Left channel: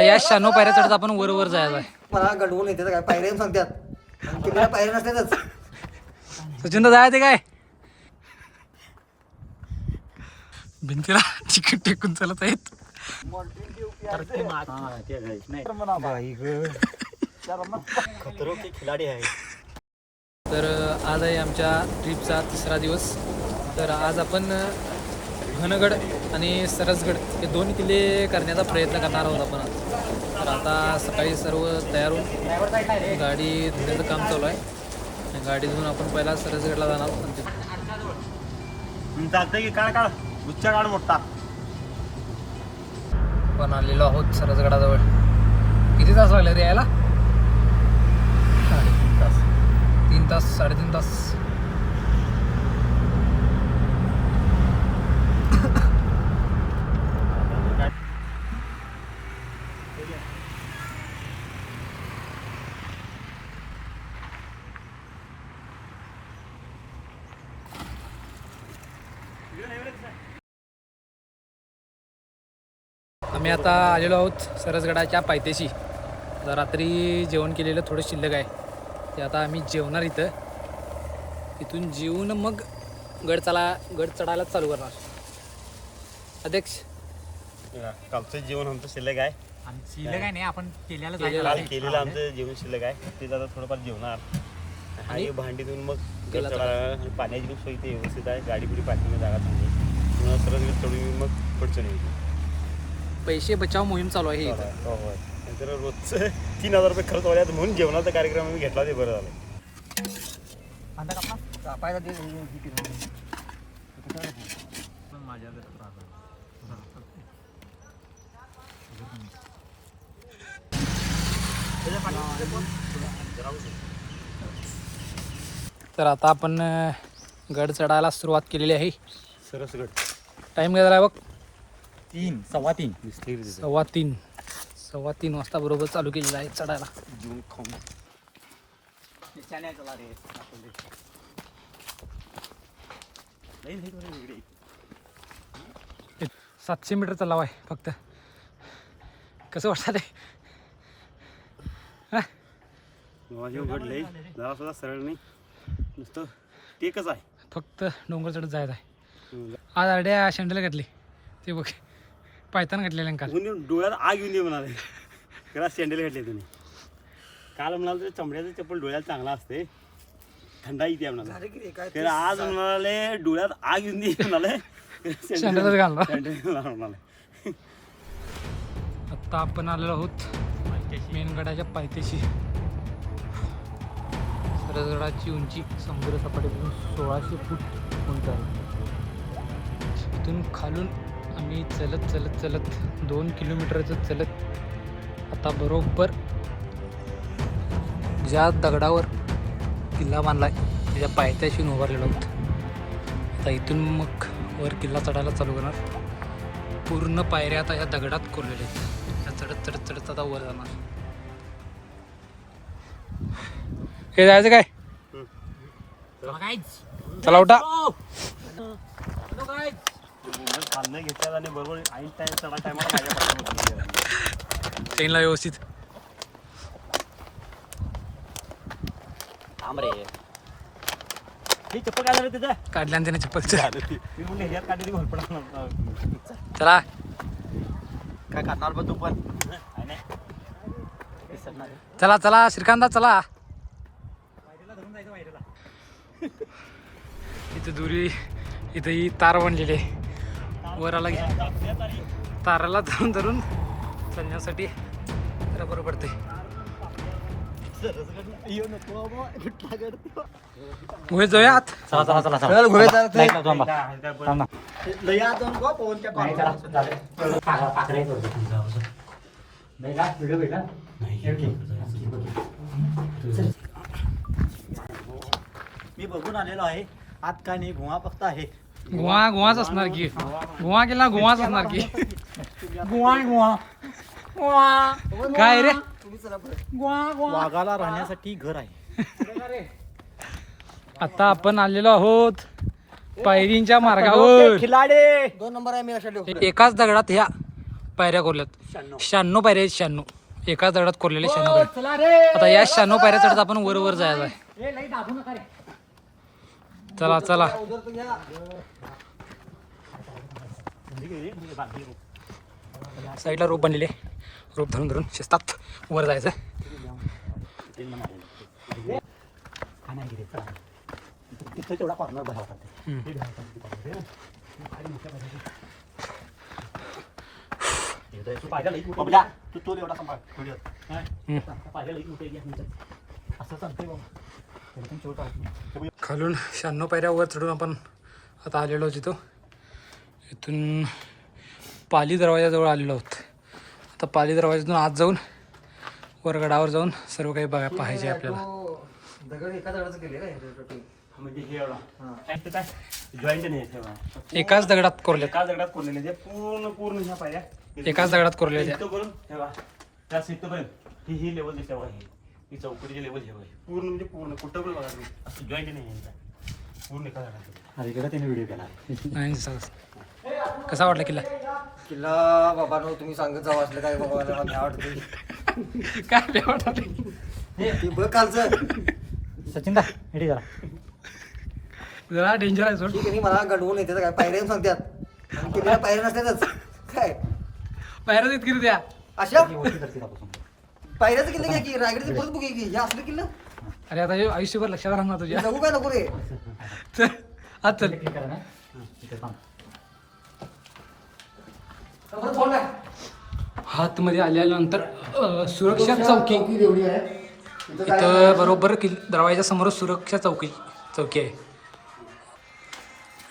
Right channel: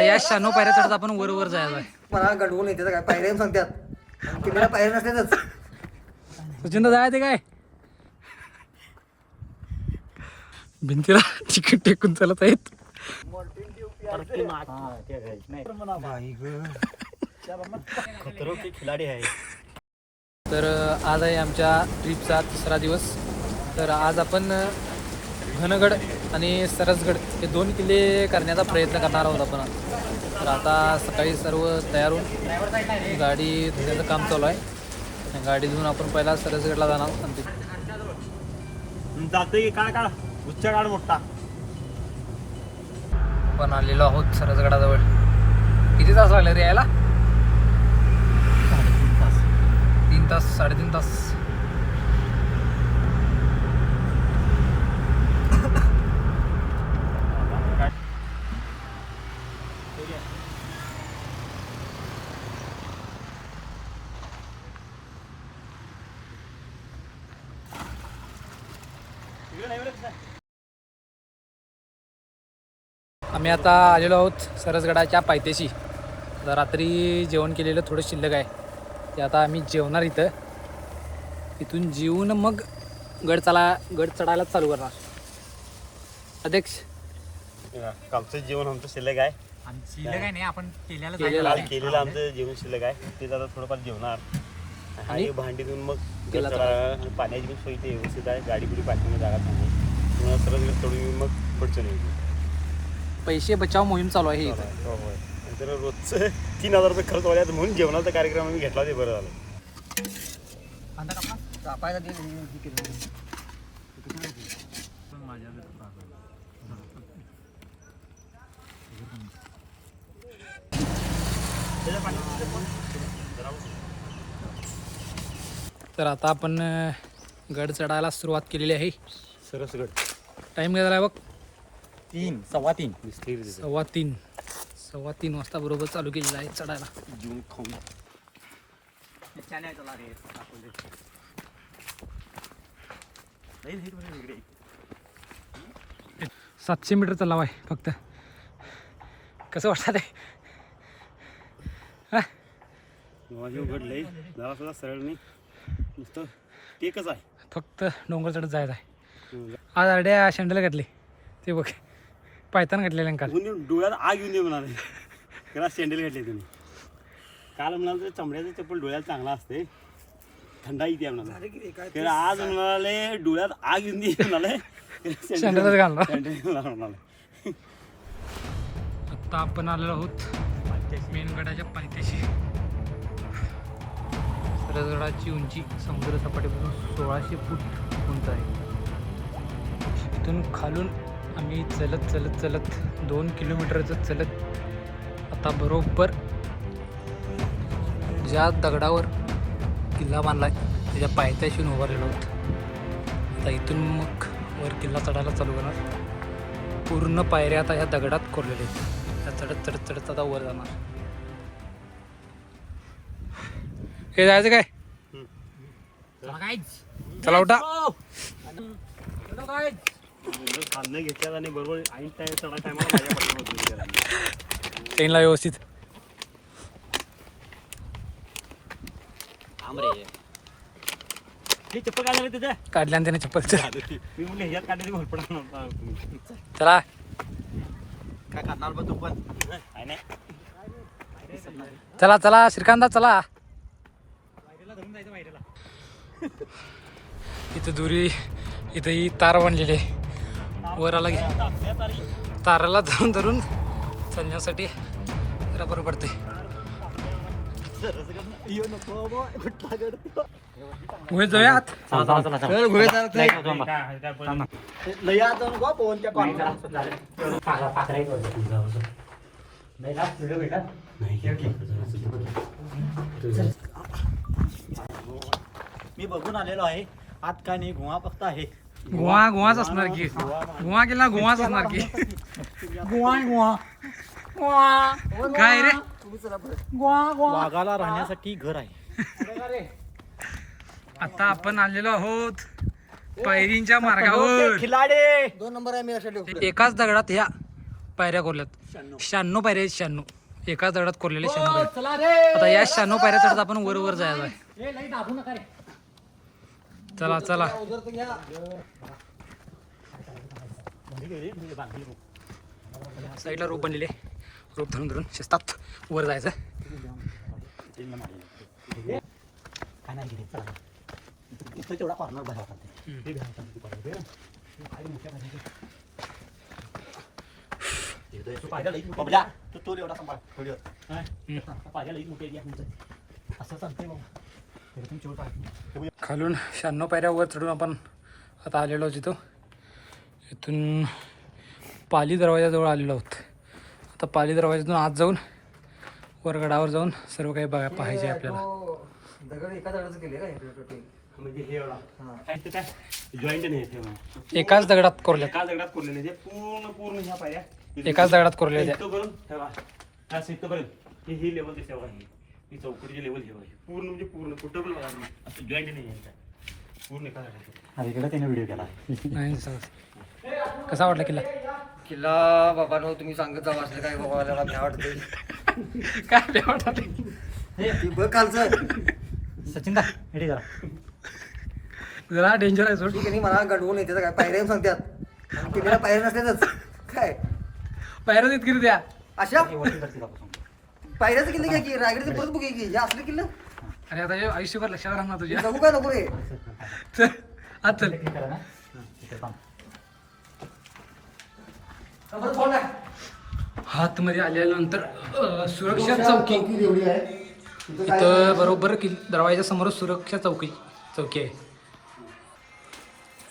आता या 96 पायऱ्या चढत आपण वर वर जायचं आहे. मला गडवून येते काय पायऱ्या सांगतात तुम्हाला पायऱ्या नसतातच. सचिन जायचं काय भिंतीला चिकट टेकून चालत आहेत. खिलाडी आहे. तर आज आहे आमच्या ट्रिपचा 3रा दिवस. तर आज आपण घनगड आणि सरसगड हे 2 किल्ले करण्याचा प्रयत्न करणार आहोत आपण. तर आता सकाळी सर्व तयार होऊन गाडी धुण्याचं काम चालू आहे. गाडी धुवून आपण पहिला सरसगडला जाणार. जाते की काढ उच्चा काढ मोठा. आपण आलेलो आहोत सरसगडाजवळ. किती तास लागले रे यायला? 3 तास 3.5 तास. आम्ही आता आलेलो आहोत सरसगडाच्या पायथ्याशी. आता रात्री जेवण केलेलं थोडं शिल्लक आहे ते आता आम्ही जेवणार इथं. इथून जेवून मग गड चढायला चालू करणार. अध्यक्ष कालचं जेवण आमचं शिल्लक आहे. शिल्लक आहे नाही आपण काल केलेलं आमचं जेवण शिल्लक आहे ते आता थोडंफार जेवणार. आणि भांडी धुवून मग गड चढायला. पाण्याची पण सोय इथे व्यवस्थित आहे. गाडी बिडी पार्किंग जागा चांगली. पुन्हा सरसगड चढून मग पुढचं नाही. पैसे बचाव मोहीम चालू आहे इथं. होय. तर रोजचं 3000 रुपये खर्च व्हायला म्हणून जेवणाचा कार्यक्रम आम्ही घेतला ते बरं झालं. तर आता आपण गड चढायला सुरुवात केलेली आहे. सरसगड टाईम काय झाला बघ? 3:15. 3:15 वाजता बरोबर चालू केलेलं आहे चढायला. 700 मीटर चलाव आहे फक्त. कसं वाटतं ते? गड लई जरा सुद्धा सरळ नाही, नुसतं टेकच आहे. फक्त डोंगर चढत जायचं आहे. आज अर्ड्या शंडल घातली ते बघ, पायतान घातलेलं काल. डोळ्यात आग येऊन दे म्हणाले. त्याला सँडल घातले तुम्ही. काल म्हणाल तर चमड्याचं चप्पल डोळ्यात चांगला असते, थंडा येते म्हणाला. त्याला आज म्हणाले डोळ्यात आग येऊन दे म्हणाले, शंडलच घालणार. सँडल म्हणाले. आत्ता आपण आलेलो आहोत मेनगडाच्या पायथ्याशी. सरसगडाची उंची समुद्र सपाटीपासून 1600 फूट उंच आहे. इथून खालून आम्ही चलत 2 किलोमीटरचं चलत आता बरोबर ज्या दगडावर किल्ला बांधला आहे त्याच्या पायथ्याशी उभारलेलो आहोत. आता इथून मग वर किल्ला चढायला चालू करणार. पूर्ण पायऱ्या आता ह्या दगडात कोरलेल्या आहेत. त्या चढत आता वर जाणार. हे जायचं काय? चला उठा. खाल्लं घेतल्यात आणि बरोबर ऐन टाइम चढा टायमाला माझ्या पाठीमध्ये ट्रेनला व्यवस्थित हे चप्पल काढलं तिथे काढल्या त्याने चप्पल. मी म्हणले ह्यात काढली भरपडा. चला काय करणार बघ तू पण. चला चला श्रीकांता चला. इथं दुरी इथं ही तार बांधलेली आहे. वर आला की ताराला धरून चालण्यासाठी जरा बरं पडते. गुहेत जाऊया आत. मी बघून आलेलो आहे. आत काय नाही, गुहा फक्त आहे. गुहाच असणार की. गुहा केला गुहाच असणार की. काय रे? वाघाला राहण्यासाठी घर आहे. आता आपण आलेलो आहोत पायरींच्या मार्गावर. 2 नंबर आहे. मी अशा एकाच दगडात ह्या पायऱ्या कोरल्यात. 96 पायऱ्या आहेत. 96 एका दगडात कोरलेले 96 पायऱ्या. आता या 96 पायऱ्या चढत आपण वर वर जायचं आहे. चला चला. साईडला रोप बनलेले, रोप धरून धरून शिस्तात वर जायचं. खालून 96 पायऱ्या वर चढून आपण आता आलेलो आहोत. इथं इथून पाली दरवाजाजवळ आलेलो आहोत. आता पाली दरवाजातून आत जाऊन वरगडावर जाऊन सर्व काही बघा पाहायचे आपल्याला. दगड एका दगडाचं केले काय म्हणजे हे एवढा जॉईंट नाही एकाच दगडात कोरले, एका दगडात कोरलेले ते पूर्ण ह्या पायऱ्या एकाच दगडात कोरले त्या. करून ठेवा त्या सीटपर्यंत ही लेवल दिसते बघा. ही चौकटीची लेवल हे पूर्ण म्हणजे पूर्ण कुठं पण बघा असं जॉईंट नाही आहे पूर्ण एका दगडात. इकडे त्याने व्हिडिओ केला नाही. कसा वाटला किल्ला? किल्ला बाबांनो तुम्ही सांगत जावं असलं काय बाबा भ्या वाटते. काय वाटत ती बघ कालचं सचिन दा जरा डेंजर आहे सोड. ठीक आहे. मला गडवून येते काय पायऱ्या सांगतात आणि किल्ल्याला पायऱ्या नसतातच काय पायऱ्या देत किती द्या अशा पायऱ्याचं किल्ले घ्या की रायगडचे परत बघू की हे असलं किल्लं. अरे आता हे आयुष्यभर लक्षात राहणार तुझ्या. जगू काय नको रे. चल आज चल. हातमध्ये आल्यानंतर सुरक्षा चौकी इथं बरोबर दरवाजा समोर सुरक्षा चौकी आहे.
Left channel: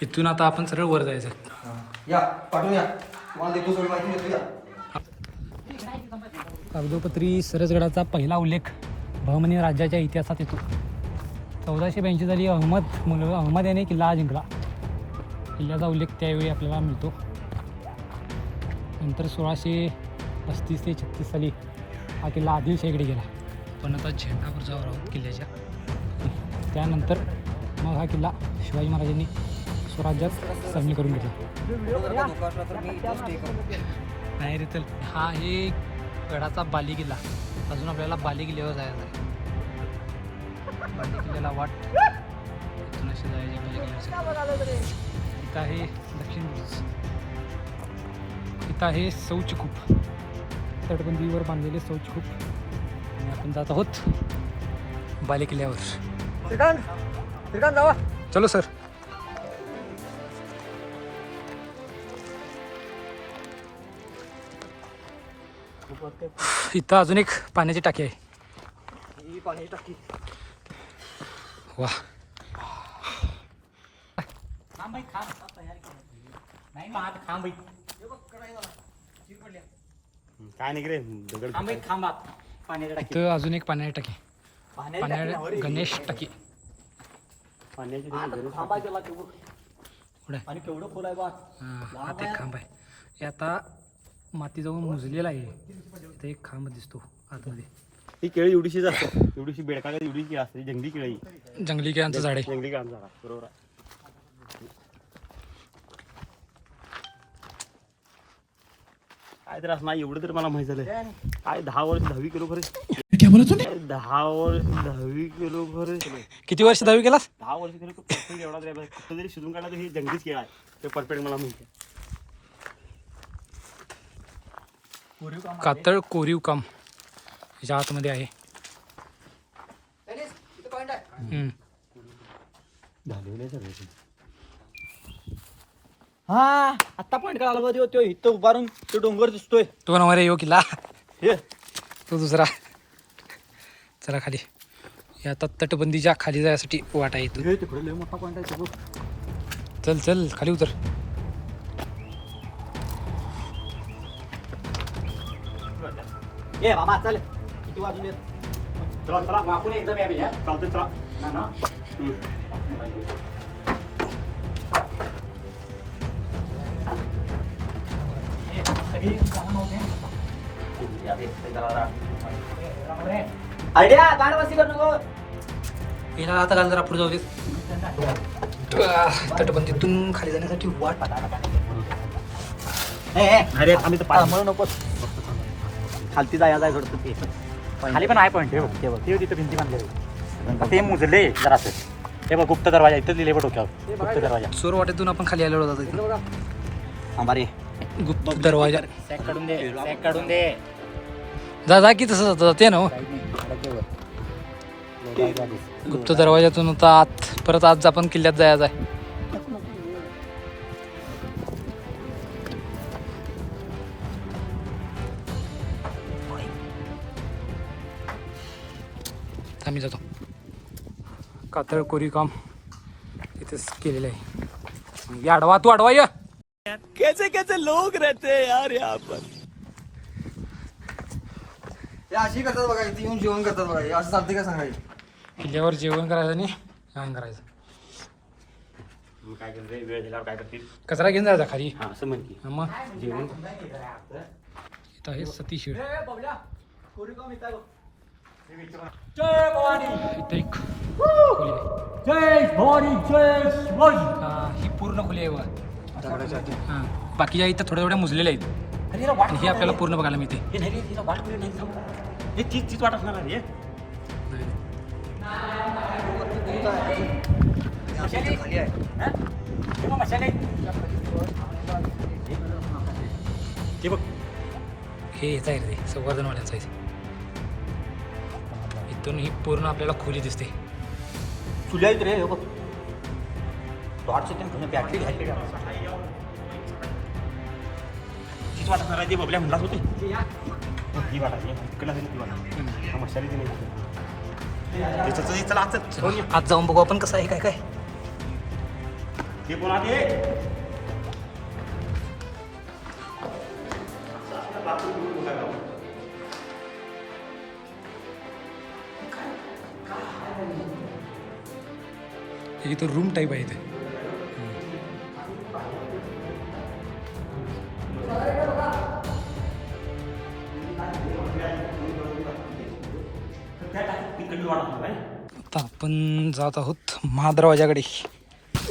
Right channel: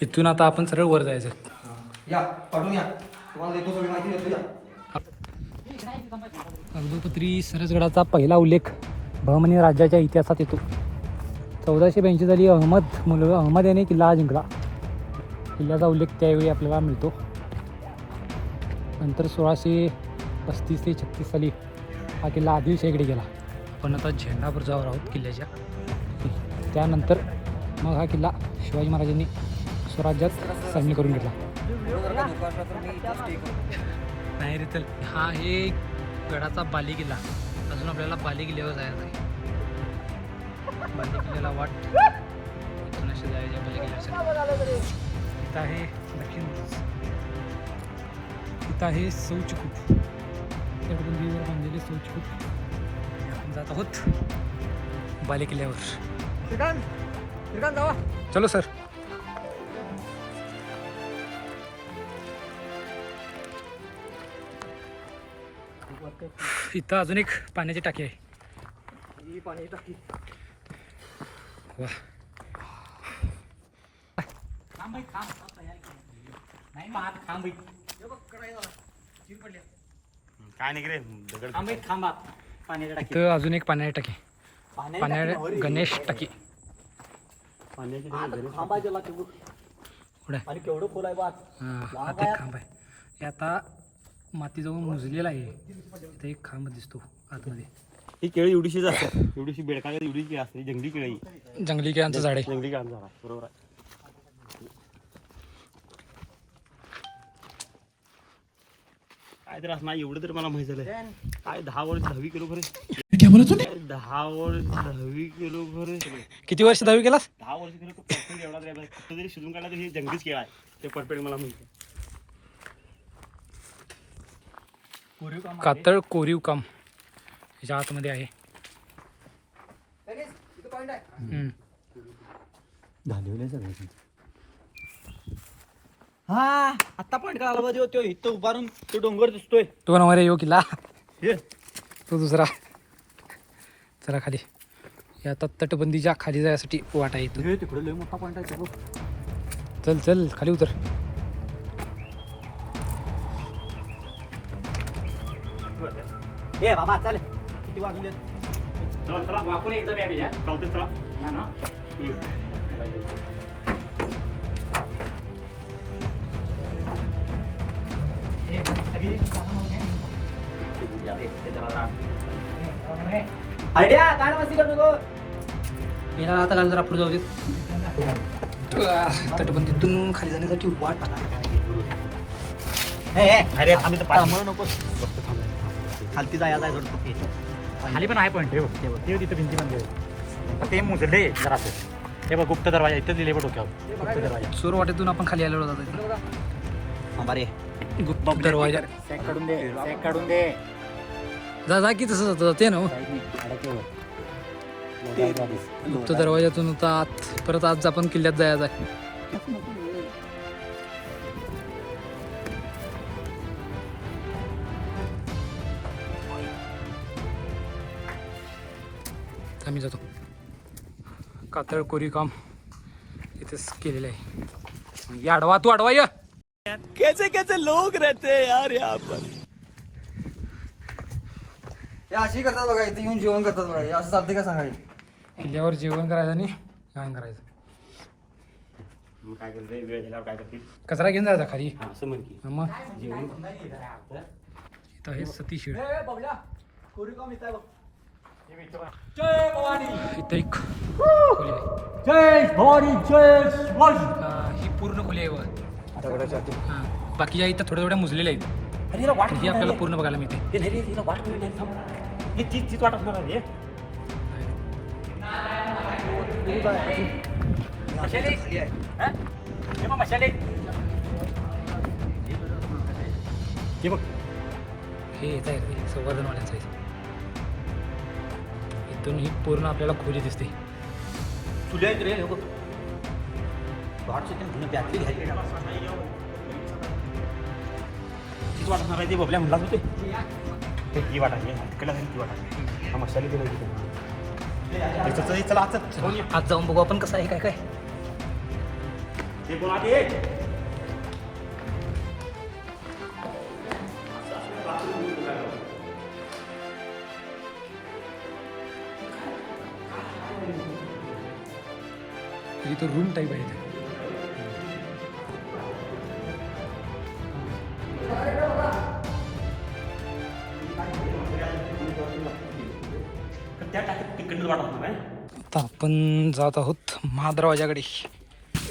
इथून आता आपण सरळ वर जायचं. या पाठवून या तुम्हाला देतो सगळी माहिती देतो या. कागदोपत्री सरसगडाचा पहिला उल्लेख बहमनी राज्याच्या इतिहासात येतो. 1482 साली अहमद याने किल्ला जिंकला. किल्ल्याचा उल्लेख त्यावेळी आपल्याला मिळतो. नंतर 1635 ते 36 साली हा किल्ला आदिलशाहीकडे गेला. पण आता झेंडापूरजावर आहोत किल्ल्याच्या. त्यानंतर मग हा किल्ला शिवाजी महाराजांनी स्वराज्यात सामील करून घेतला. जर का धोका असला तर मी इथं स्टे करतो. नाही रे चल. हा आहे गडाचा बाली किल्ला. अजून आपल्याला बाली किल्ल्यावर जायचं आहे. बाली किल्ल्याला वाट इथून असे जायचे बाली किल्ल्यासाठी. इथं आहे दक्षिण बुरुज. इथं आहे शौचकूप, तटबंदीवर बांधलेले शौचकूप. आणि आपण जात आहोत बाली किल्ल्यावर. श्रीकांत जावा. चलो सर. इथं अजून एक पाण्याची टाकी आहे. ही पाणी टाकी. वा काय नाही रे दगड इथं अजून एक पाण्याची टाकी. पाण्या गणेश टाकी पाण्याची पुढे. हां आता एक खांब आहे. हे आता माती जाऊन मुजलेला आहे. इथं एक खांब दिसतो आतमध्ये. ही केळी एवढीशीच असते, एवढीशी बेडका एवढी केळी असते. जंगली केळी, जंगली केळांचं झाड आहे. जंगली केळांचं झाड आहे. बरोबर आहे. काय तर असं नाही एवढं तर मला माहित झालं. काय 10 वर्ष 10 किलो खरे. 10 वर्ष 10 किलो खरे. किती वर्ष 10वी केलास? 10 वर्ष खरे तो परफेक्ट एवढा तरी फक्त जरी शिजून काढला तर ही जंगलीच केळा आहे. ते परफेक्ट मला माहिती आहे. कातळ कोरीव काम ह्याच्या आतमध्ये आहे. हा आता पॉईंट काढला मध्ये होतो. इथं उभारून तो डोंगर दिसतोय. तो नंबर येऊ किल्ला. हे तो दुसरा. चला खाली. हे आता तटबंदीच्या खाली जायसाठी वाट आहे इथून. तिकडे लय मोठा पॉईंट आहे. चल चल खाली उतर. ए बाबा चल किती वाजले. चला चला आपण एकदा बॅबी आहे. चालतंय चला. ना ना. आयडिया काय बसली कर नको. येणार आता घाल जरा पुढे जाऊ देत. तटबंदीतून खाली जाण्यासाठी वाट. अरे आम्ही तर मला नको खालती जाय थोडं ते खाली पण आहे पॉईंट ते तिथं भिंती बांधले ते मुजले जरा हे बघ गुप्त दरवाजा इथं दिले बघ डोक्यावर गुप्त दरवाजा चोर वाटेतून आपण खाली आलेलो होतो इथं. अंबारी गुप्त दरवाजा सॅक काढून दे सॅक काढून दे जा की तसं जातं ते ना हो. गुप्त दरवाजातून आता आत परत आज आपण किल्ल्यात जायचं आहे. आम्ही जातो. कातळ कोरी काम इथेच केलेलं आहे. या अडवा तू अडवा या. कैसे कैसे लोग रहते हैं यार यहाँ पर. हे अशी करतात बघा, इथे येऊन जेवण करतात बघा. हे असं चालते का सांगायचं? किल्ल्यावर जेवण करायचं आणि जेवण करायचं. काय करते वेळ झाल्यावर काय करतील कचरा घेऊन जायचा खाली. हा असं म्हण की मग जेवण इथं आहे सतीशीड. जय भवानी इथं एक खोली आहे. जय भवानी जय शिवाजी ही पूर्ण खोली आहे बघा. हां बाकीच्या इथं थोड्या थोड्या मुजलेल्या आहेत. अरे वाट ही आपल्याला पूर्ण बघायला मिळते. हे नाही तिला वाट करून नाही थांब हे तीच वाट असणार आहे खाली आहे. हे मग मशाले हे बघ हे याचं आहे रे संवर्धनवाल्यांचं आहे. इथून ही पूर्ण आपल्याला खोली दिसते. फुले आहेत रे हे बघ 8 सेकंड बॅटरी झाली तीच वाट असणार आहे ती बघल्या म्हणलाच होते ही वाट आहे इकडला ती वाट मशाले चला आज जाऊन बघू आपण कसं आहे काय काय. ते बोला ते इथं रूम टाईप आहे इथे. त्या टाकीत तिकडलं वाट असणार आहे आता आपण जात आहोत महादरवाजाकडे.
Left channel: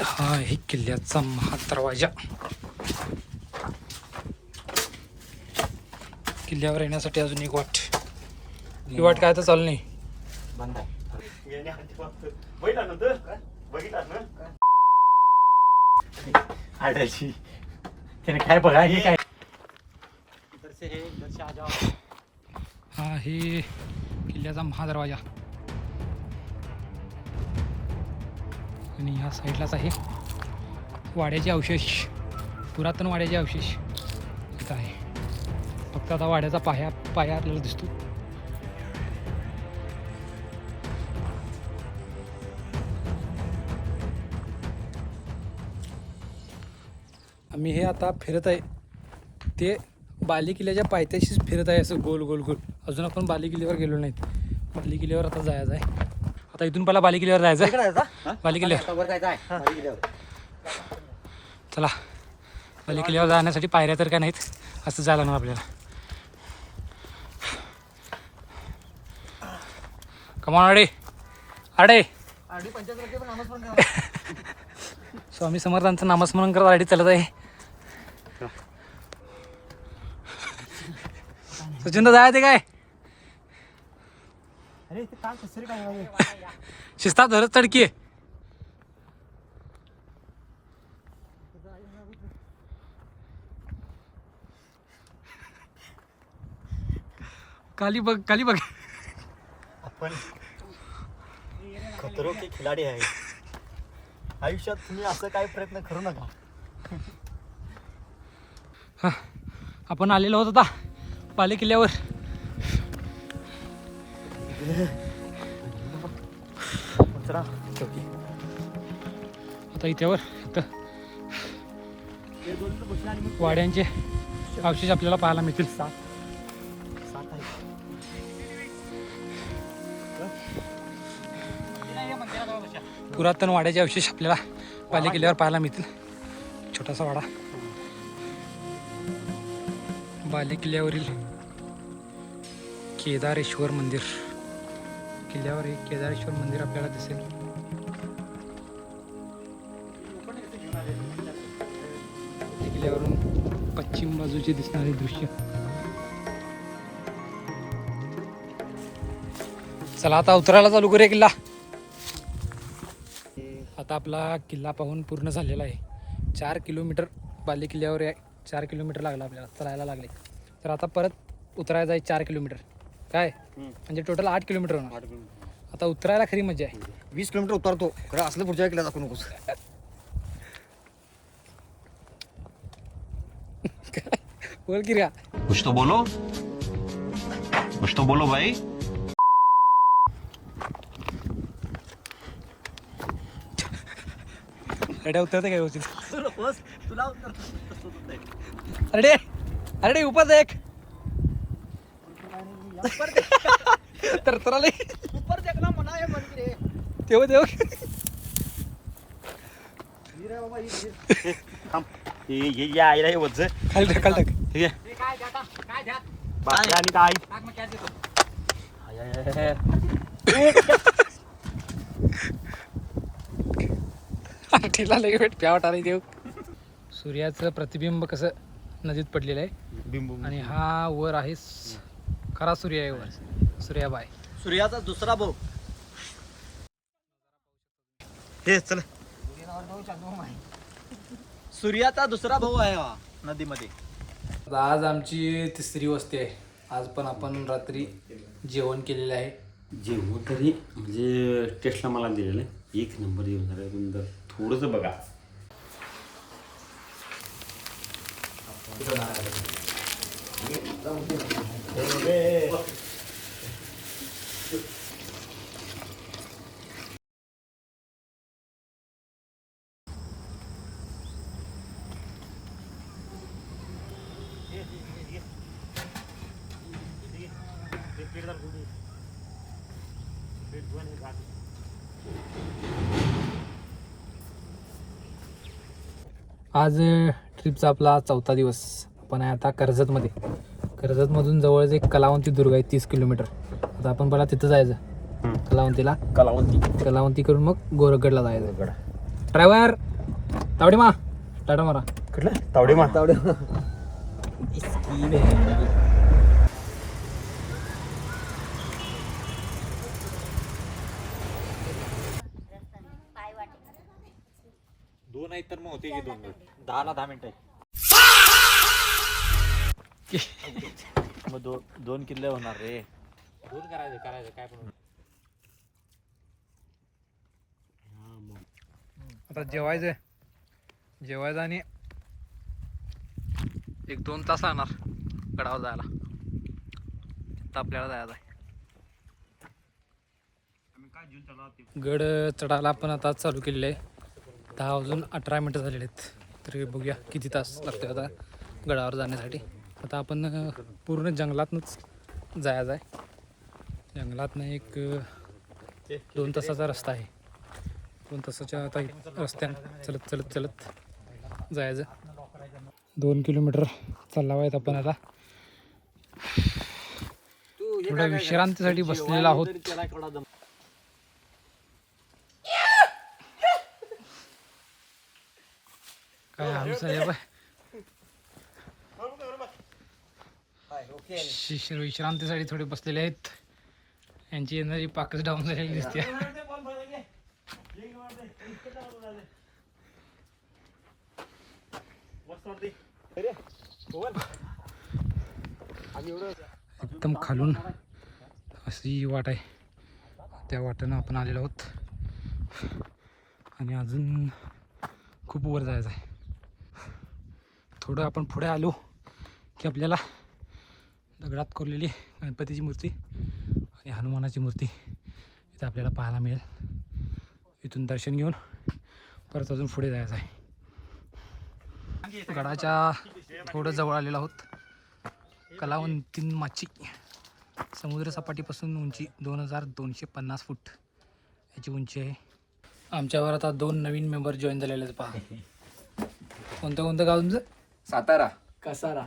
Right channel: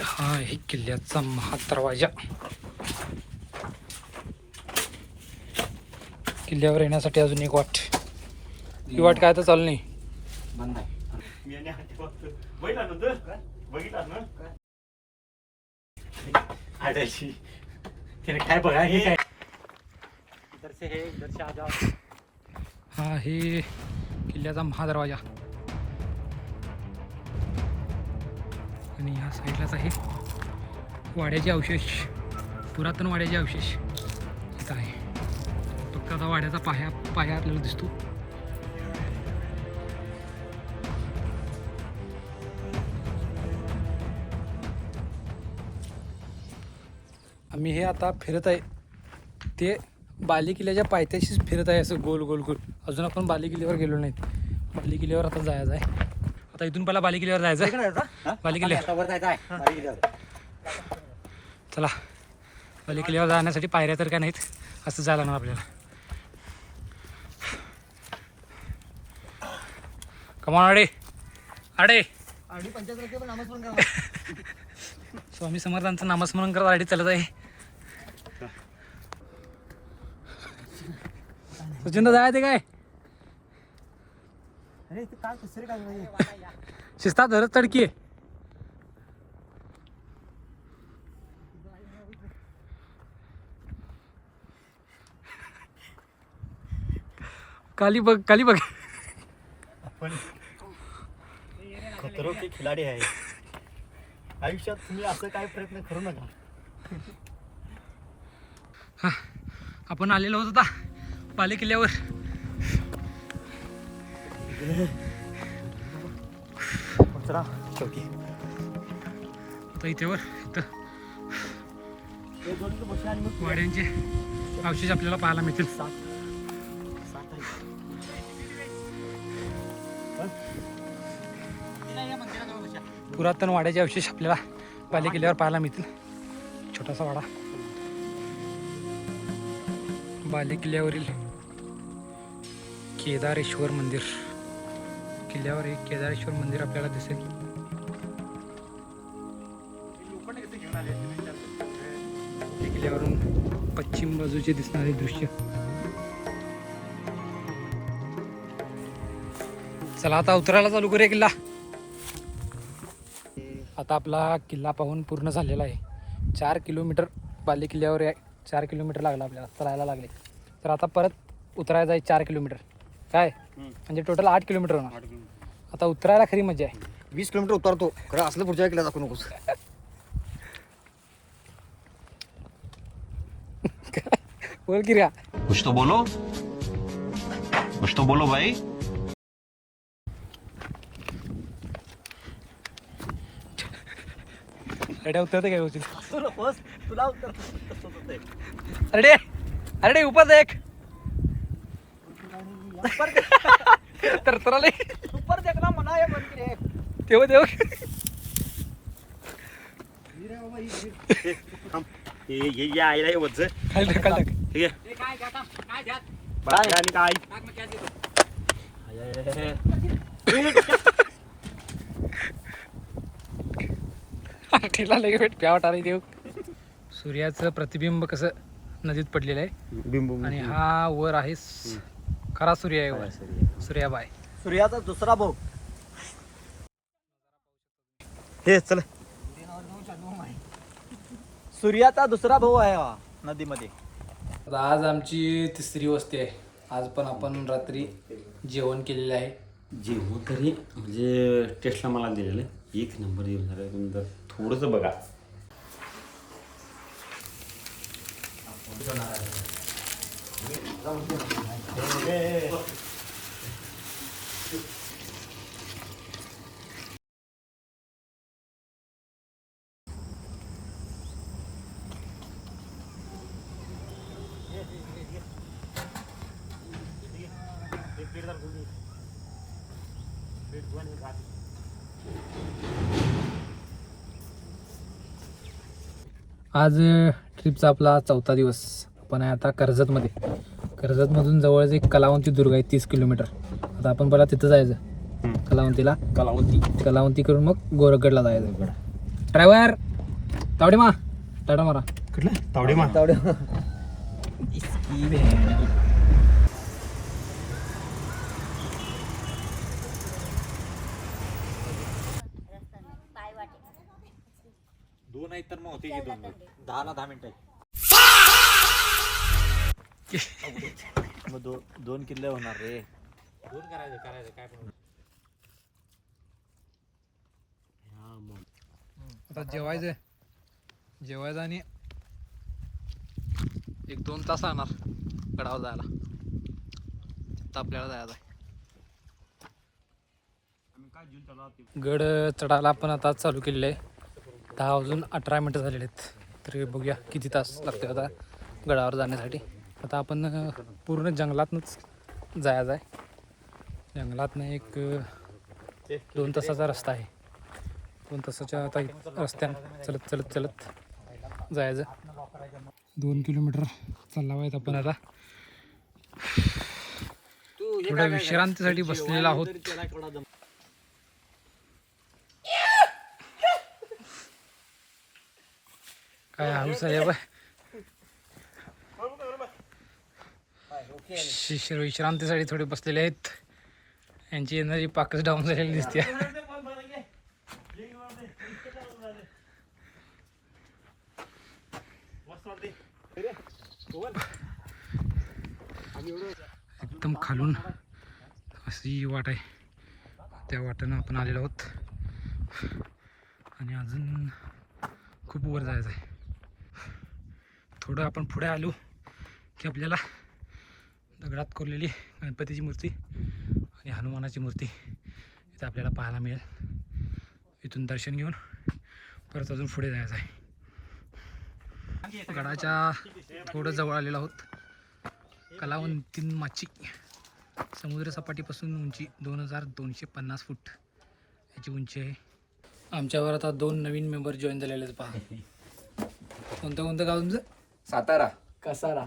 हा आहे किल्ल्याचा महादरवाजा. किल्ल्यावर येण्यासाठी अजून एक वाट. ही वाट काय तर चालू नाही. बंद आहे बघितलं ना आढळशी त्याने काय बघा हे काय हा आहे किल्ल्याचा महादरवाजा. आणि ह्या साईडलाच आहे वाड्याचे अवशेष. पुरातन वाड्याचे अवशेष इथं आहे. फक्त आता वाड्याचा पाया आपल्याला दिसतो. आम्ही हे आता फिरत आहे ते बाली किल्ल्याच्या पायथ्याशीच फिरत आहे असं गोल गोल गोल. अजून आपण बाली किल्ल्यावर गेलो नाहीत. बाली किल्ल्यावर आता जायचं आहे. आता इथून पहिला बाली किल्ल्यावर जायचं आहे. बाली किल्ल्यावर चला. बाली किल्ल्यावर जाण्यासाठी पायऱ्या तर काय नाहीत. असं जायला लागणार आपल्याला. कमान अडे अडे आणि 50 रुपये पण नामस्मरण करा. स्वामी समर्थांचं नामस्मरण करत आडी चालत आहे. सचिन जाय ते काय अरे ते काय कसं काय शिस्ता धरत तडकी. खाली बघ खाली बघ. आपण खतरो के खिलाडी आहे. आयुष्यात तुम्ही असं काय प्रयत्न करू नका. हा आपण आलेलो होतो आता बाले किल्ल्यावर. चौकी आता इथेवर इथं वाड्यांचे अवशेष आपल्याला पाहायला मिळतील. पुरातन वाड्याचे अवशेष आपल्याला बाले किल्ल्यावर पाहायला मिळतील. छोटासा वाडा बाले किल्ल्यावरील केदारेश्वर मंदिर. किल्ल्यावर एक केदारेश्वर मंदिर आपल्याला दिसेल. किल्ल्यावरून पश्चिम बाजूचे दिसणारे दृश्य. चला आता उतरायला चालू करूया किल्ला. आता आपला किल्ला पाहून पूर्ण झालेला आहे. 4 किलोमीटर बाले किल्ल्यावर 4 किलोमीटर लागला आपल्याला चलायला लागले. तर आता परत उतरायचं आहे 4 किलोमीटर. काय म्हणजे टोटल 8 किलोमीटर होणार. आता उतरायला खरी मजा आहे. 20 किलोमीटर उतरतो खरं असलं पुढच्या किल्ला दाखवू नकोस. बोल की रे. कुछ तो बोलो भाई. रेड्या उतरते काय होतील. अरे अरे उपास एक तर आले तेव्हा तेव्हा हे जे आईला हे वज्ज खाली टाक खाली टाक. ठीक आहे बाकी आणि काय ठेला लगे भेट प्यावट आली देव. सूर्याचं प्रतिबिंब कसं नदीत पडलेलं आहे आणि हा वर आहे खरा सूर्य आहे वर. सूर्याबाई सूर्याचा दुसरा भाऊ हे चल. सूर्याचा दुसरा भाऊ आहे हा नदीमध्ये. आज आमची तिसरी वस्ती आहे. आज पण आपण रात्री जेवण केलेलं आहे. जेवण तरी म्हणजे टेस्टला मला दिलेलं आहे 1 नंबर जेवण झालं. पण थोडंसं बघा आज ट्रिपचा आपला 4था दिवस. आपण आहे आता कर्जतमध्ये. कर्जतमधून जवळच एक कलावंती दुर्ग आहे 30 किलोमीटर. आता आपण पहिला तिथं जायचं कलावंती करून मग गोरखगडला जायचं. ड्रायव्हर तावडे मा टाटा मारा. कुठलं तावडे मा दोन आहेत तर मग होते की 10 मिनिटं. मग 2 किल्ले होणार रे. दोन करायचं काय पण. आता जेवायचं आणि 1-2 तास लागणार गडावर जायला. आता आपल्याला जायचं आहे. गड चढायला आपण आता चालू केलेलं आहे. 10 वाजून 18 मिनटं झालेले आहेत. तर बघूया किती तास लागते आता गडावर जाण्यासाठी. आता आपण पूर्ण जंगलातनंच जायचं आहे. जंगलातनं एक 2 तासाचा रस्ता आहे. 2 तासाच्या आता रस्त्यानं चलत जायचं. 2 किलोमीटर चालला आहेत आपण आता. थोड्या विश्रांतीसाठी बसलेला आहोत. काय हौस आहे बाय. विश्रांतीसाठी थोडे बसलेले आहेत. यांची एनर्जी पाकच डाऊन झालेली दिसते. एकदम खालून अशी वाट आहे. त्या वाटेनं आपण आलेलो आहोत आणि अजून खूप वर जायचं आहे. थोडं आपण पुढे आलो की आपल्याला दगडात कोरलेली गणपतीची मूर्ती आणि हनुमानाची मूर्ती इथे आपल्याला पाहायला मिळेल. इथून दर्शन घेऊन परत अजून पुढे जायचं आहे. गडाच्या थोडं जवळ आलेलो आहोत. कलावंतीमाची समुद्रसपाटीपासून उंची 2250 फूट याची उंची आहे. आमच्यावर आता 2 नवीन मेंबर जॉईन झालेले आहेत. पहा कोणतं गाव तुमचं? सातारा कसारा.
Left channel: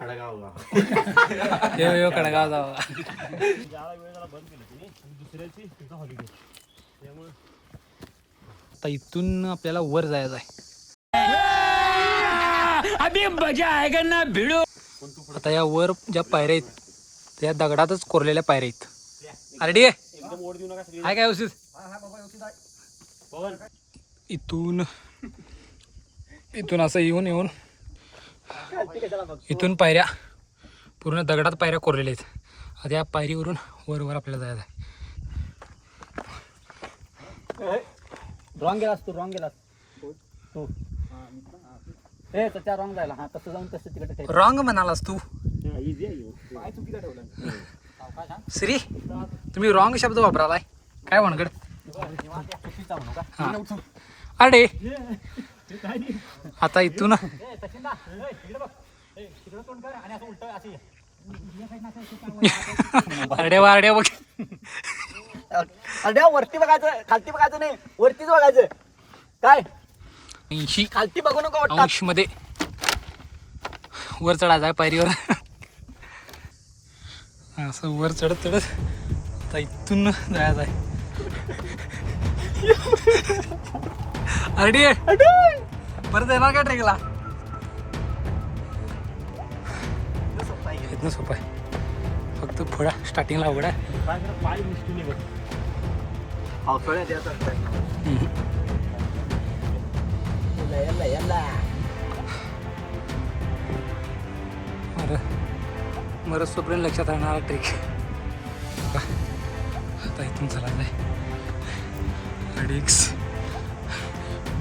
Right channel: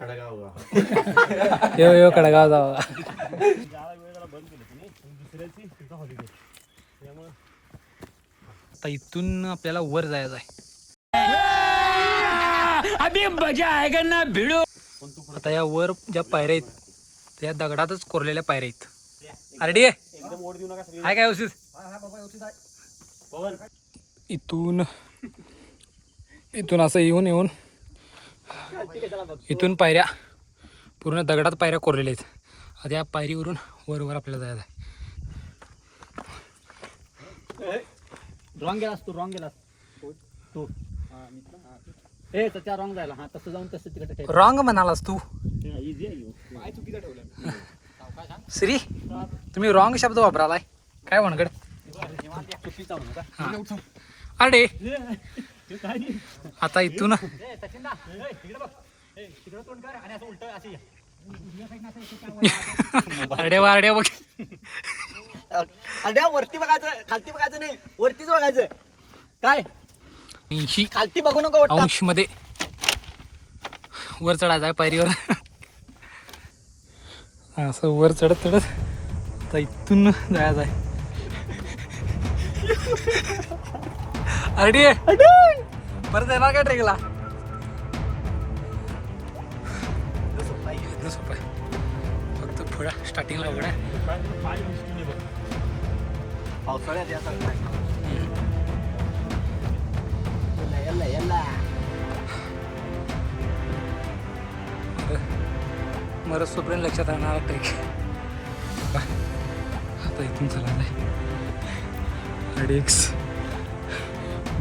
खडगाव कडगाव जावा. ज्याला वेळ झाला बंद केलं तुम्ही दुसऱ्याची तिथं हॉलिडे त्यामुळे आता इथून आपल्याला वर जायचं आहे. आता या वर ज्या पायऱ्या आहेत त्या दगडातच कोरलेल्या पायऱ्या आहेत. अरे एकदम ओढ देऊ नका सगळी. हाय काय व्यवस्थित. पवन इथून असं येऊन इथून पायऱ्या पूर्ण दगडात पायऱ्या कोरलेल्या आहेत. आता या पायरीवरून वर आपल्याला जायचं आहे. रॉंग गेलास तू, रॉंग गेलास तू. ए त्याच्या रॉंग जायला. हा तसं जाऊन तसं तिकडे ठेव. रॉंग म्हणालास तू इझी आहे. श्री. तुम्ही रॉंग शब्द वापरालाय काय म्हणकड. चुकीचा म्हणू का? हा अरे आता इथून अरड्या बघ. अड्या वरती बघायचं, खालती बघायचं नाही, वरतीच बघायचं. काय 80 खालती बघू नको. अंश मध्ये वर चढायचं आहे पायरीवर. असं वर चढत आता इथून जायचं आहे. अरे परत येणार काय ट्रेकला. सोपं आहे फक्त थोडा स्टार्टिंगला अवघड आहे. मरत तोपर्यंत लक्षात राहणार ट्रेक. आता इथून चालायचं आहे. अडीक्स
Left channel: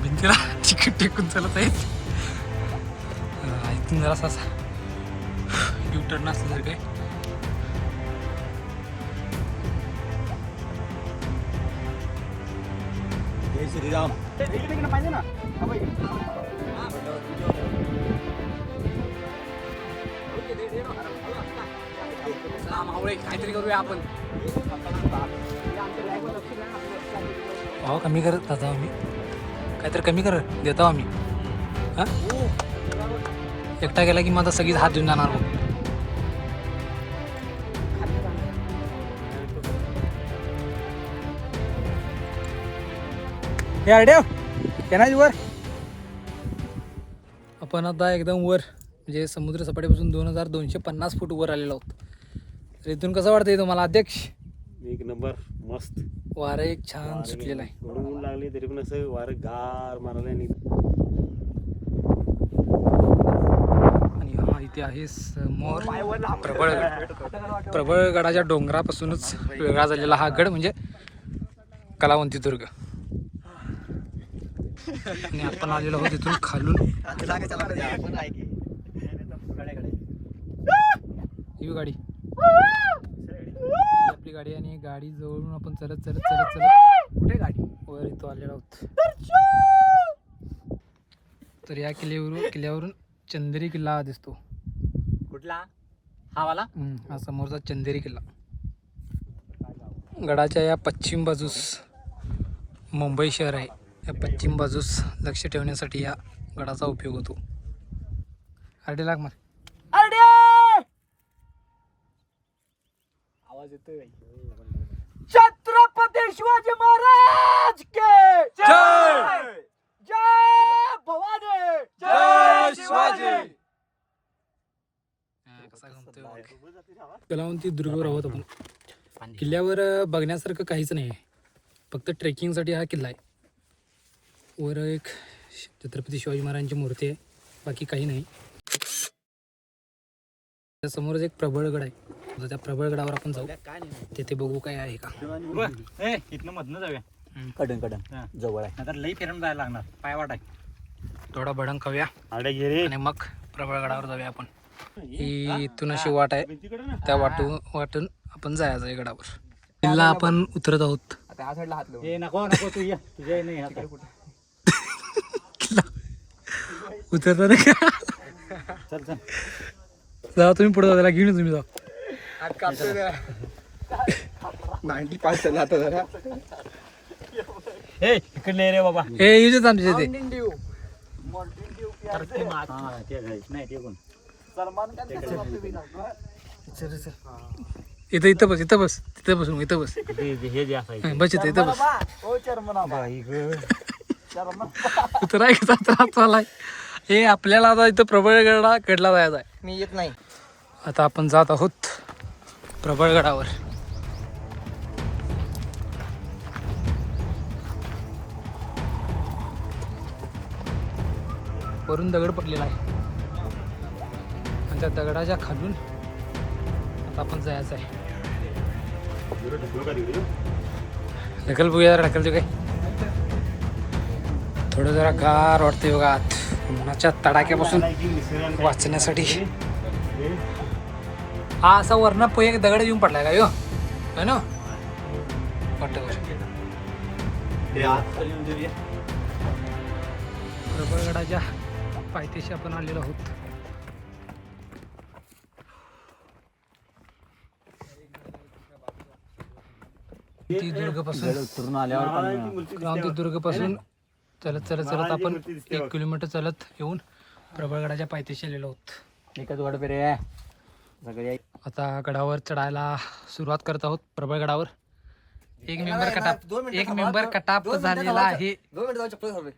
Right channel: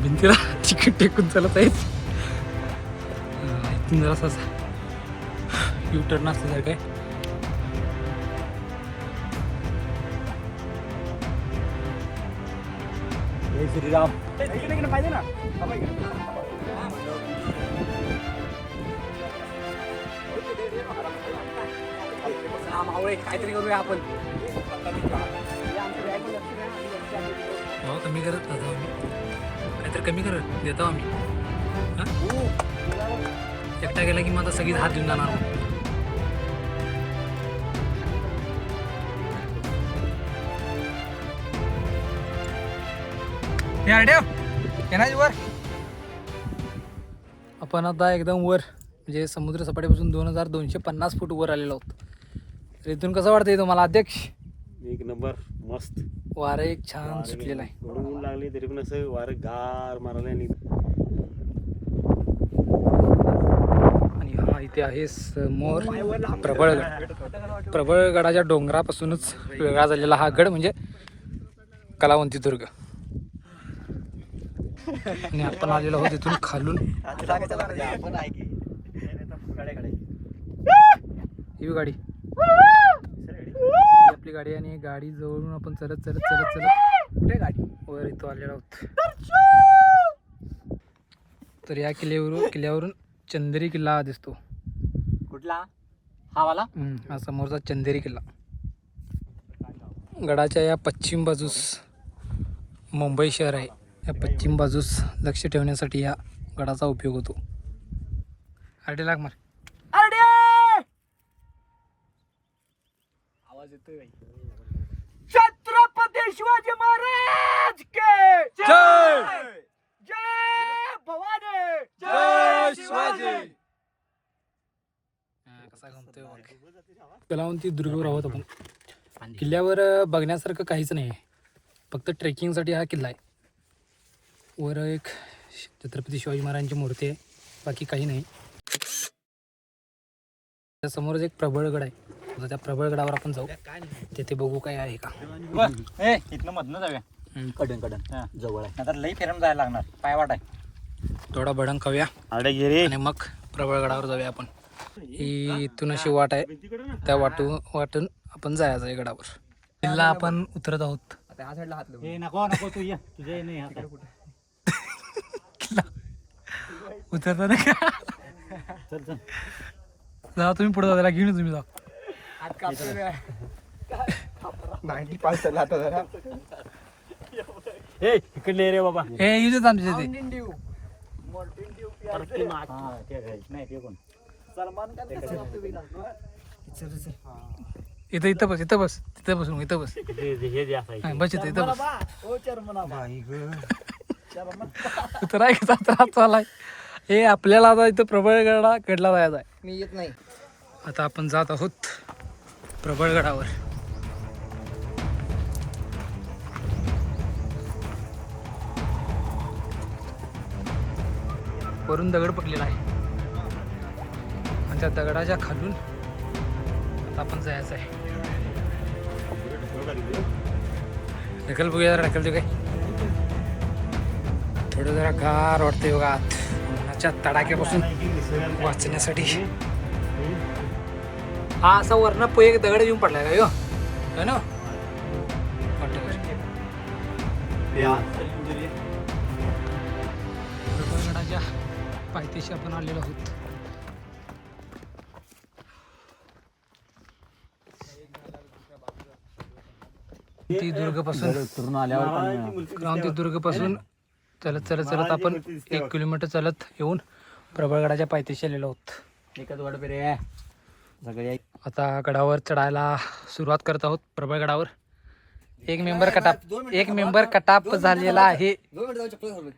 भिंतीला चिकट टेकून चालत आहेत. इथून जरा असा यू टर्न असल्यासारखं आहे. पाहिजे ना. काहीतरी करूया आपण. कमी करत जातो आम्ही. काहीतरी कमी कर देतो आम्ही. हां एकटा गेला की मग आता सगळीच हात देऊन जाणार बघ. हे अड्या येणार वर. आपण आता एकदम वर म्हणजे समुद्र सपाटीपासून 2250 फूट वर आलेलो आहोत. तर इथून कसं वाटतंय तुम्हाला अध्यक्ष. एक नंबर मस्त. वारं एक छान सुटलेलं आहे. ऊन लागले तरी पण असं वारं गार मारायला. आणि हा इथे आहे समोर प्रबळगड. प्रबळगडाच्या डोंगरापासूनच वेगळा झालेला हा गड म्हणजे कलावंती दुर्ग. आणि आपण आलेलो आहोत इथून खालून. ही गाडी आपली गाडी आणि गाडी जवळून आपण चलत कुठे गाडी वर इथं आलेलो आहोत. तर या किल्ल्यावरून चंदेरी किल्ला दिसतो. कुठला हा वाला? हा समोरचा चंदेरी किल्ला. गडाच्या या पश्चिम बाजूस मुंबई शहर आहे. या पश्चिम बाजूस लक्ष ठेवण्यासाठी या गडाचा उपयोग होतो. अरडे लाग मार. आवाज येतोय. छत्रपती शिवाजी महाराज के जय. जय भवानी, जय शिवाजी. कसा गमतोय कलावंती दुर्गावर आहोत आपण. किल्ल्यावर बघण्यासारखं काहीच नाही आहे. फक्त ट्रेकिंगसाठी हा किल्ला आहे. वर एक छत्रपती शिवाजी महाराजांची मूर्ती आहे. बाकी काही नाही. समोरच एक प्रबळगड आहे. आता त्या प्रबळगडावर आपण जाऊ. तेथे बघू काय आहे का. इथनं मधनं जाऊया. कडन जवळ आहे. आता लई फिरून जायला लागणार. पाय वाट आहे. थोडा भडंग खाऊया आणि मग प्रबळगडावर जाऊया आपण. ही इथून अशी वाट आहे. त्या वाटून आपण जायचं आहे गडावर. किल्ला आपण उतरत आहोत. हे नको तू ये. तुझ्या नाही किल्ला उतरता नाही का. चल जा तुम्ही पुढे जायला घेऊन तुम्ही जा. हे इकडले रे बाबा. हे येऊ देत आमच्या इथे. इथं बस तिथं बसून इथं बस. हे जे बस इथं बस. उतरायचा त्रास चालाय. हे आपल्याला आता इथं प्रबळगडा कडला जायचा आहे. मी येत नाही. आता आपण जात आहोत प्रबळगडावर. वरून दगड पडलेला आहे आणि त्या दगडाच्या खालून आता आपण जायचं आहे. ढकल बघूया, ढकल देऊ काय. थोडं जरा गार वाटते बघा आत, उन्हाच्या तडाक्यापासून वाचण्यासाठी. हा असा वरनं एक दगड येऊन पडलाय का यो, है ना वाटतं. प्रबळगडाच्या पायथ्याशी आपण आलेलो आहोत. दुर्गपासून क्रांती दुर्गपासून चलत चलत चलत आपण 1 किलोमीटर चलत येऊन प्रबळगडाच्या पायथ्याशी आलेलो आहोत. एकच वाट पेरे सगळे. आता गडावर चढायला सुरुवात करत आहोत. प्रबळगडावर एक मेंबर कटाप झालेला आहे. 2 मिनिट जाऊ चप्पल घालून.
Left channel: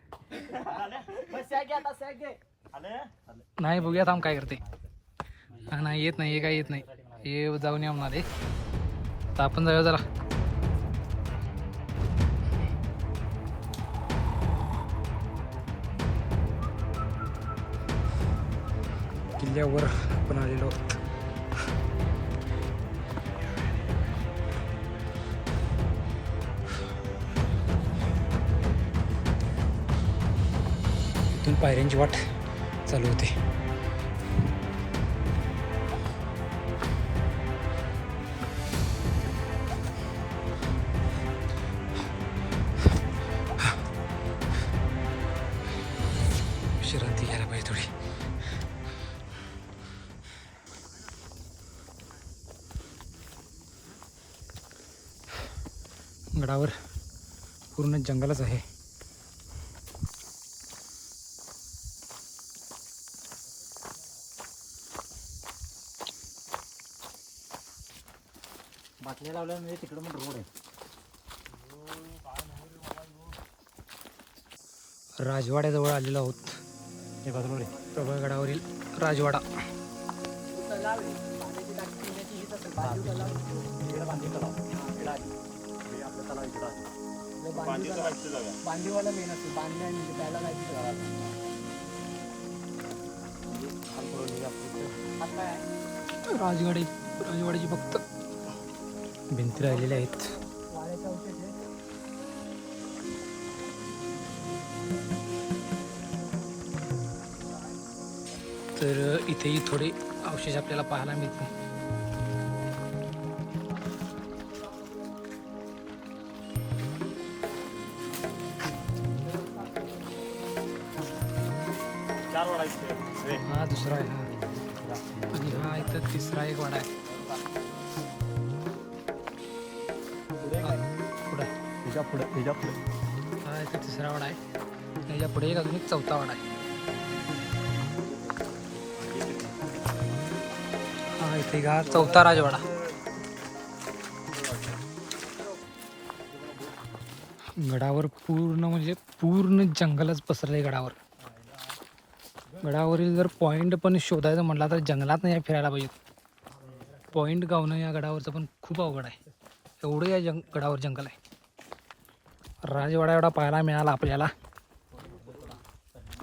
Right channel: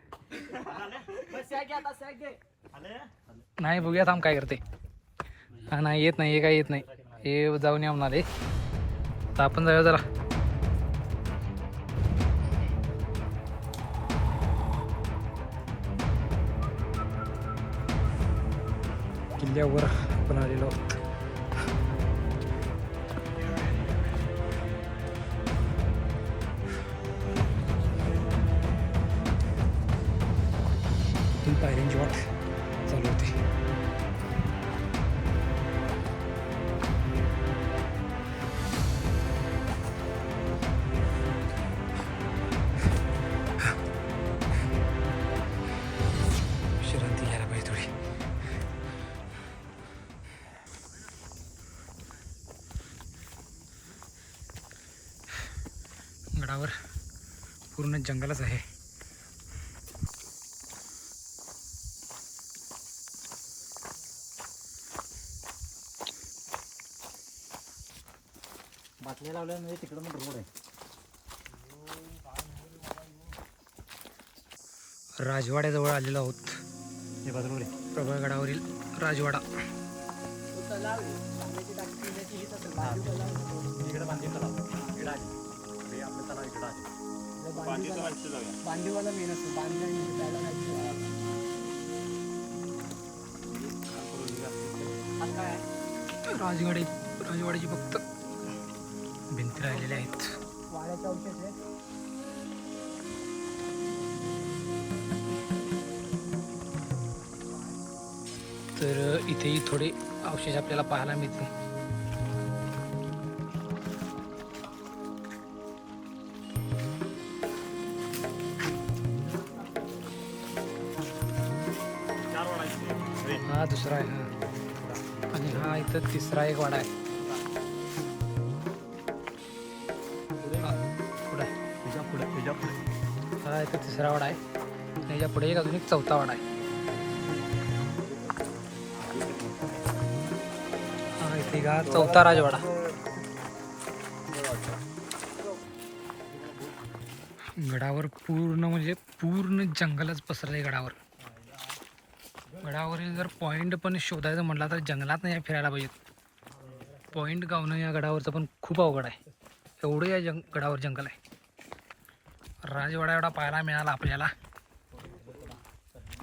नाही बघूया थांब काय करते. हा नाही येत नाही, हे काय येत नाही, हे जाऊन या म्हणाले. आता आपण जाऊया जरा. किल्ल्यावर आपण आलेलो आहोत. इथून पायऱ्यांची वाट चालू होते. विश्रांती घ्यायला पाहिजे थोडी. गडावर पूर्ण जंगलच आहे. बाटल्या लावल्या म्हणजे तिकडं मग रोड आहे. राजवाड्याजवळ आलेलो आहोत. हे बाजूला प्रबळगडावरील राजवाडा. बांधीवाला मेन असतो. राजवाड्याची फक्त भिंती राहिलेल्या आहेत. तर इथेही थोडे अवशेष आपल्याला पाहायला मिळते. हा दुसरा आहे हा, आणि हा इथं तिसरा एक वाडा आहे. हा इथं तिसरा वाडा आहे. त्याच्या पुढे एक अजून एक चौथा वाडा आहे. हा इथे का चौथा राजवाडा. गडावर पूर्ण म्हणजे पूर्ण जंगलच पसरले गडावर. गडावरील जर पॉईंट पण शोधायचं म्हटलं तर जंगलात नाही फिरायला पाहिजे. पॉईंट गावणं या गडावरचं पण खूप अवघड आहे. एवढं या गडावर जंगल आहे. राजवाडा एवढा पाहायला मिळाला आपल्याला.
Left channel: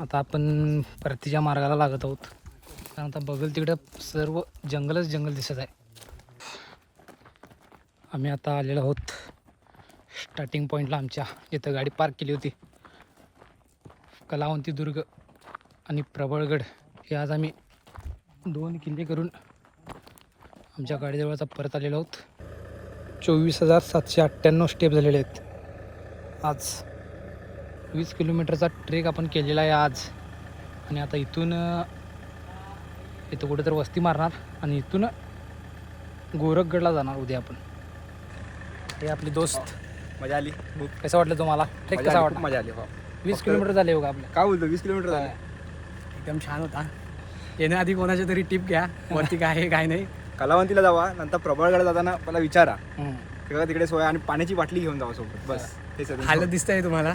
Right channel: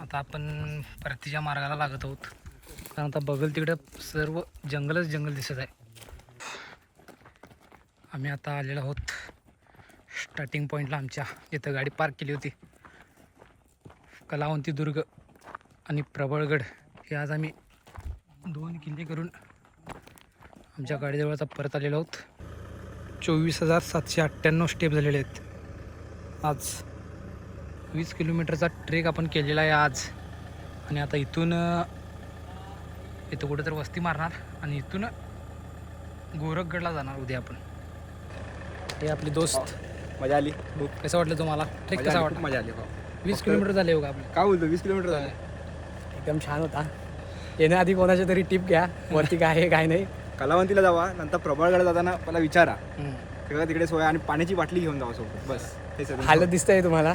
आता आपण परतीच्या मार्गाला लागत आहोत, कारण आता बघल तिकडे सर्व जंगलच जंगल दिसत आहे. आम्ही आता आलेलो आहोत स्टार्टिंग पॉईंटला आमच्या, जिथं गाडी पार्क केली होती. कलावंती दुर्ग आणि प्रबळगड हे आज आम्ही 2 किल्ले करून आमच्या गाडीजवळ आता परत आलेलो आहोत. 24,798 स्टेप झालेले आहेत. आज 20 किलोमीटरचा ट्रेक आपण केलेला आहे आज. आणि आता इथून इथं कुठं तर वस्ती मारणार आणि इथून गोरखगडला जाणार उद्या आपण. हे आपले दोस्त. मजा आली. कसं वाटलं तुम्हाला? ट्रेक कसा वाटला? मजा आली. 20 किलोमीटर झाले बघा आपलं. काय बोलतो 20 किलोमीटर झाले. एकदम छान होता. येण्याआधी कोणाची तरी टिप घ्या वरती काय आहे काय नाही. कलावंतीला जावा, नंतर प्रबळगड जाताना मला विचारा सगळं तिकडे सोय, आणि पाण्याची बाटली घेऊन जावा सोबत. बस हालत दिसतंय तुम्हाला.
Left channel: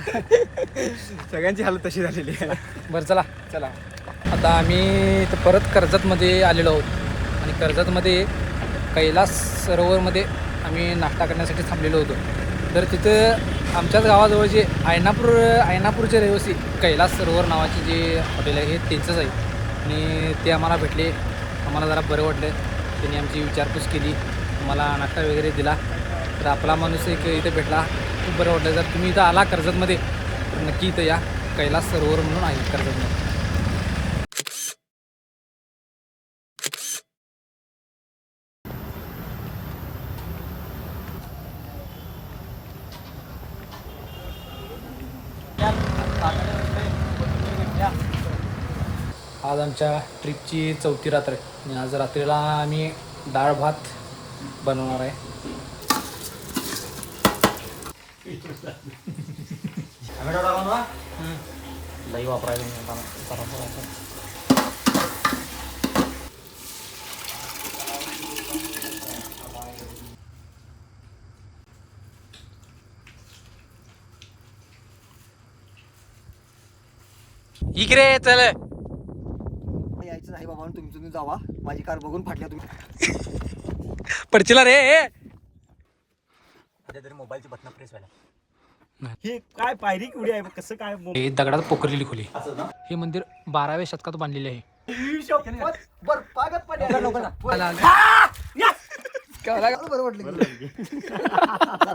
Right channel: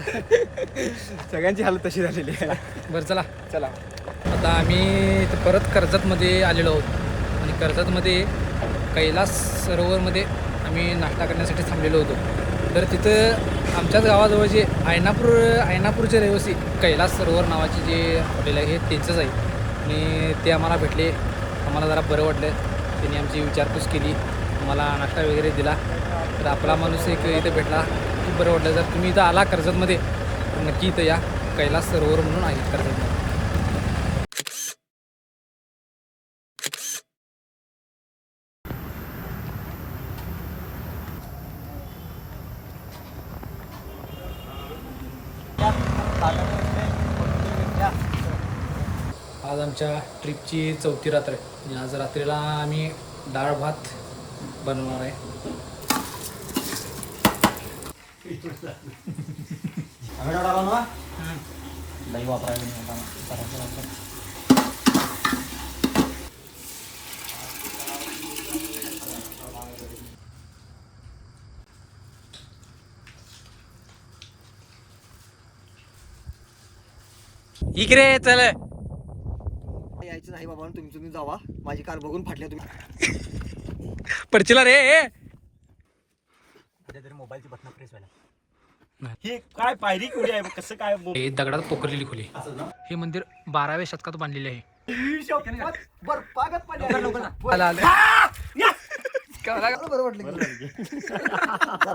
सगळ्यांची हालत तशी झालेली आहे. बरं चला चला आता आम्ही इथं परत कर्जतमध्ये आलेलो आहोत आणि कर्जतमध्ये कैलास सरोवरमध्ये आम्ही नाश्ता करण्यासाठी थांबलेलो होतो. तर तिथं आमच्याच गावाजवळ जे आयनापूरचे रहिवासी कैलास सरोवर नावाचे जे हॉटेल आहे हे त्यांचंच आहे आणि ते आम्हाला भेटले. आम्हाला जरा बरं वाटलं. त्यांनी आमची विचारपूस केली, आम्हाला नाश्ता वगैरे दिला. तर आपला माणूस एक इथं भेटला, खूप बरं वाटलं. जर तुम्ही इथं आला कर्जतमध्ये तर नक्की इथं या. कैलास सरोवर म्हणून आहे कर्जतमध्ये. आज आमच्या ट्रिपची 4थी रात्र आहे आणि आज रात्रीला आम्ही डाळ भात बनवणार आहे. दही वापरायला इकडे चल. यायचं नाही बाबा, तुम्ही जावा. माझी कार बघून फाटल्या तुम्ही. पडचिला रे. तरी मोबाईलची बटन प्रेस व्हायला. हे काय पायरी कुठे आहे कसं काय हे दगडात पोखरलेली खोली. हे मंदिर 12व्या शतकात बांधलेले आहे. बरं वाटलं.